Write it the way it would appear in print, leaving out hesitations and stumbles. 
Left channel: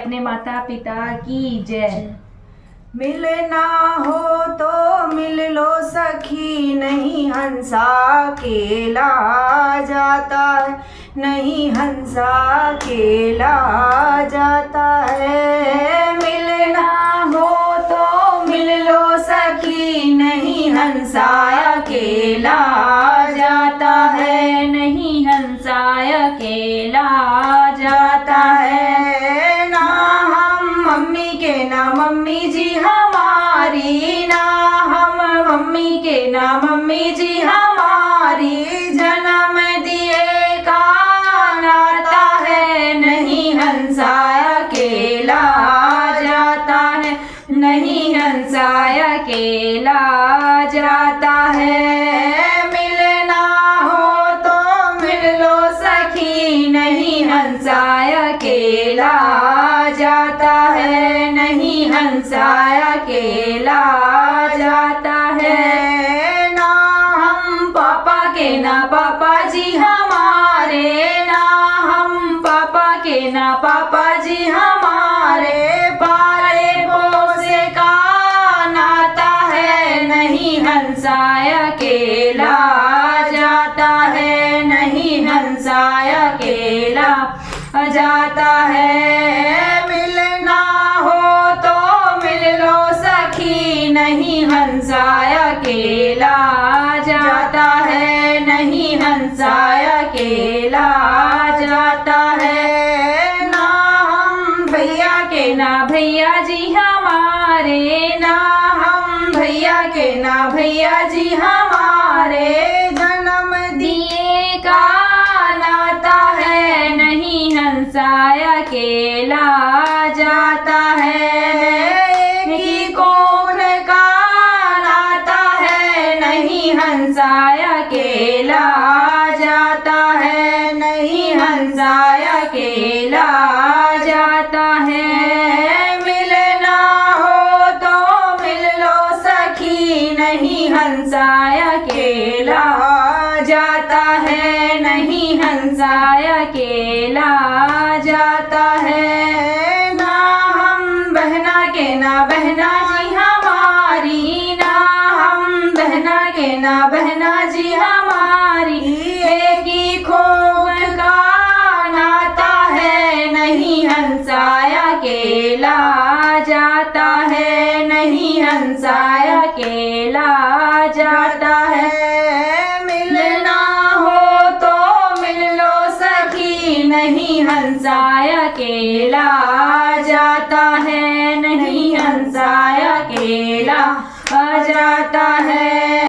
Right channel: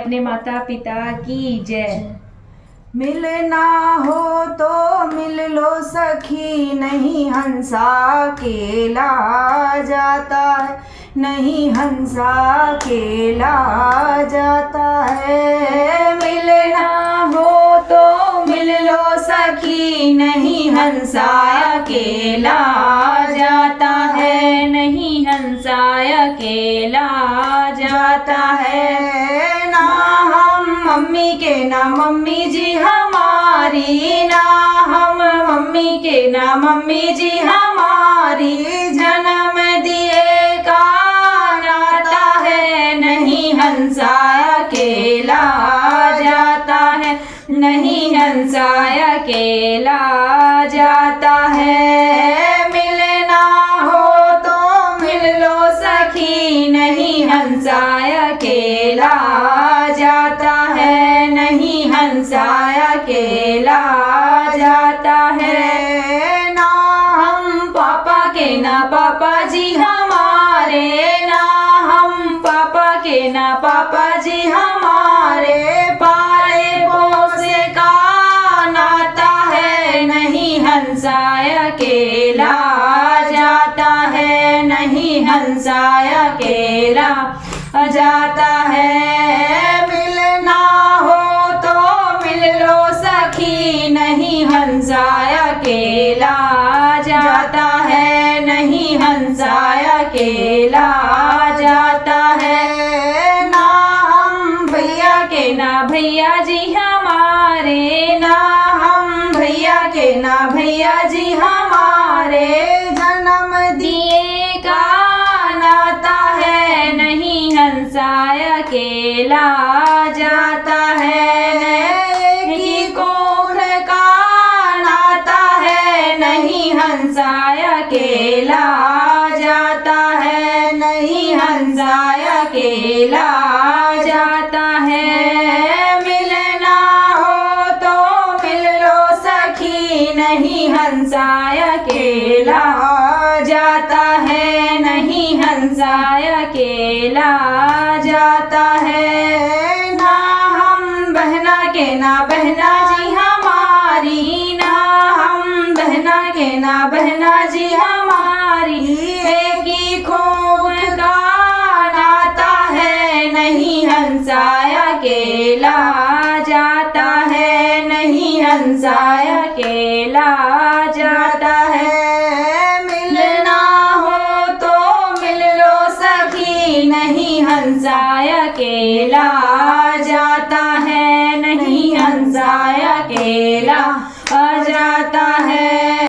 अपने माता पिता की जय। मिलना हो तो मिल लो सखी, नहीं हंसा अकेला जाता है, नहीं हंसा अकेला जाता है। मिलना हो तो मिल लो सखी, नहीं हंसा अकेला जाता है, नहीं हंसा अकेला जाता है। ना हम मम्मी के ना मम्मी जी हमारी, ना हम मम्मी के ना मम्मी जी हमारी, जन्म दिए का नाता है, नहीं हंसा अकेला जाता है, नहीं हंसा अकेला जाता है। मिलना हो तो मिल लो सखी, नहीं हंसा अकेला जाता है, नहीं हंसा अकेला जाता है। ना हम पापा के ना पापा जी हमारे, ना हम पापा के ना पापा जी हमारे, पाले पोसे का नाता है, नहीं हंसा अकेला जाता है, नहीं हंसा अकेला जाता है। मिलना हो तो मिल लो सखी, नहीं हंसा अकेला जाता है, नहीं हंसा अकेला जाता है। ना हम भैया के ना भैया जी हमारे, ना हम भैया के ना भैया जी हमारे, जन्म दिए का नाता है, नहीं हंसा अकेला जाता है। कि कौन का नाता है, नहीं हंसा अकेला जाता है, नहीं हंसा अकेला जाता है। मिलना हो तो मिल लो सखी, नहीं हंसा अकेला जाता है, नहीं हंसा अकेला जाता है। ना हम बहना के ना बहना जी हमारी, ना हम बहना के ना बहना जी हमारी, एक ही खोग का नाता है, नहीं हंसा अकेला जाता है, नहीं हंसा अकेला जाता है। मिलना हो तो मिल लो सखी, नहीं हंसा अकेला जाता है, नहीं हंसा अकेला जाता है।